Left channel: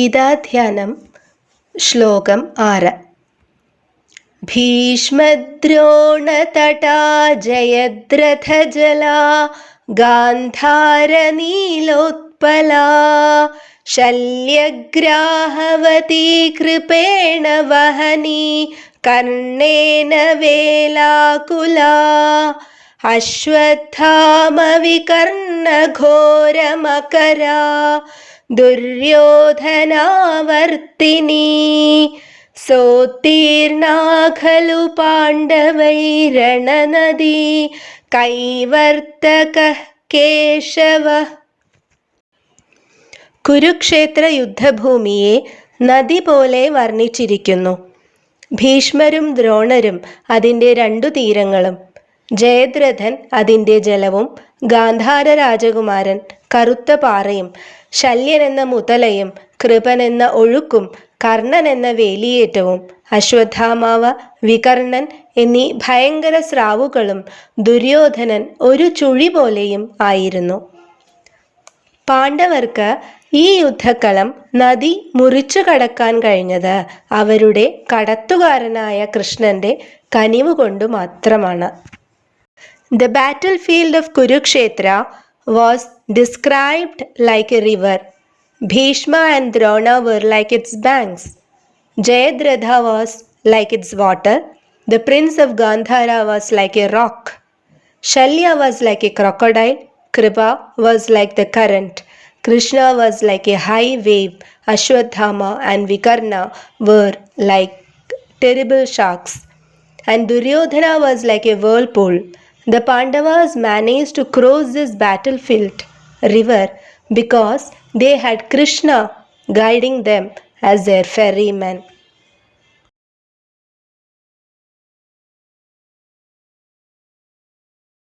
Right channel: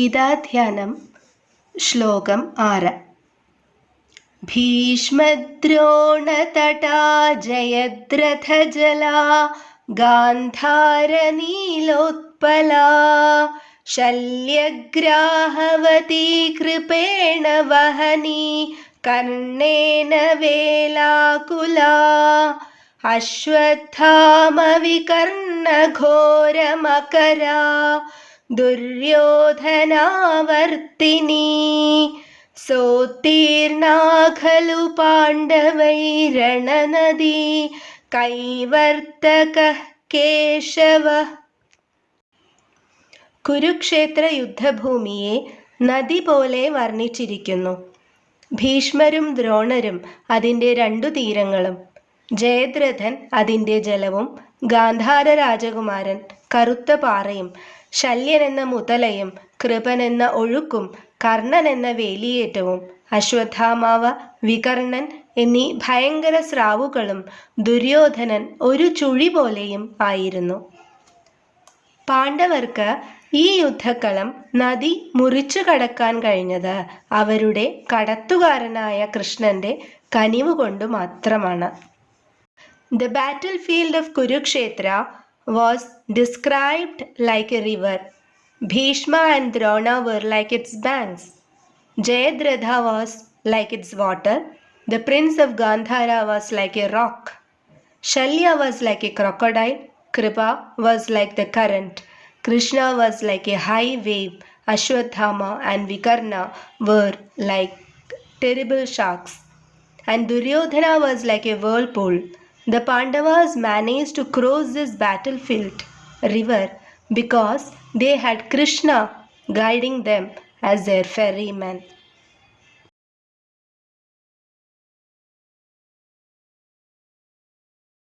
ഗീതാധ്യാനം ശ്ലോകം 6. ഭീഷ്മദ്രോണതടാ ജയദ്രഥജലാ ഗാന്ധാരനീലോത്പലാ ശല്യഗ്രാഹവതീ കൃപേണ വഹനീ കർണേന വേലാകുലാ അശ്വത്ഥാമവികർണഘോരമകരാ ദുര്യോധനാവർത്തിനി സോത്തീർണാ ഖലു പാണ്ഡവൈരണനദീ കൈവർത്തകഃ കേശവഃ. കുരുക്ഷേത്ര യുദ്ധഭൂമിയെ നദി പോലെ വർണ്ണിച്ചിരിക്കുന്നു. ഭീഷ്മരും ദ്രോണരും അതിൻ്റെ 2 തീരങ്ങളും, ജയദ്രഥൻ അതിൻ്റെ ജലവും, ഗാന്ധാര രാജകുമാരൻ കറുത്ത പാറയും, ശല്യനെന്ന മുതലയും, കൃപനെന്ന ഒഴുക്കും, കർണനെന്ന വേലിയേറ്റവും, അശ്വത്ഥാമാവ, വികർണൻ എന്നീ ഭയങ്കര സ്രാവുകളും, ദുര്യോധനൻ ഒരു ചുഴി പോലെയും ആയിരുന്നു. പാണ്ഡവർക്ക് ഈ യുദ്ധക്കളം നദി മുറിച്ചു കടക്കാൻ കഴിഞ്ഞത് അവരുടെ കടത്തുകാരനായ കൃഷ്ണന്റെ കനിവുകൊണ്ടു മാത്രമാണ്. The battlefield of Kurukshetra was described like a river. Bhishma and Drona were like its banks. Jayadratha was like its water. The prince of Gandhara was like a rock. Shalya was like a crocodile. Kripa was like the current. Krishna was like a high wave. Ashwatthama and Vikarna were like terrible sharks. And Duryodhana was like a whirlpool. The Pandavas managed to cross this battlefield river because they had Krishna guiding them as their ferryman.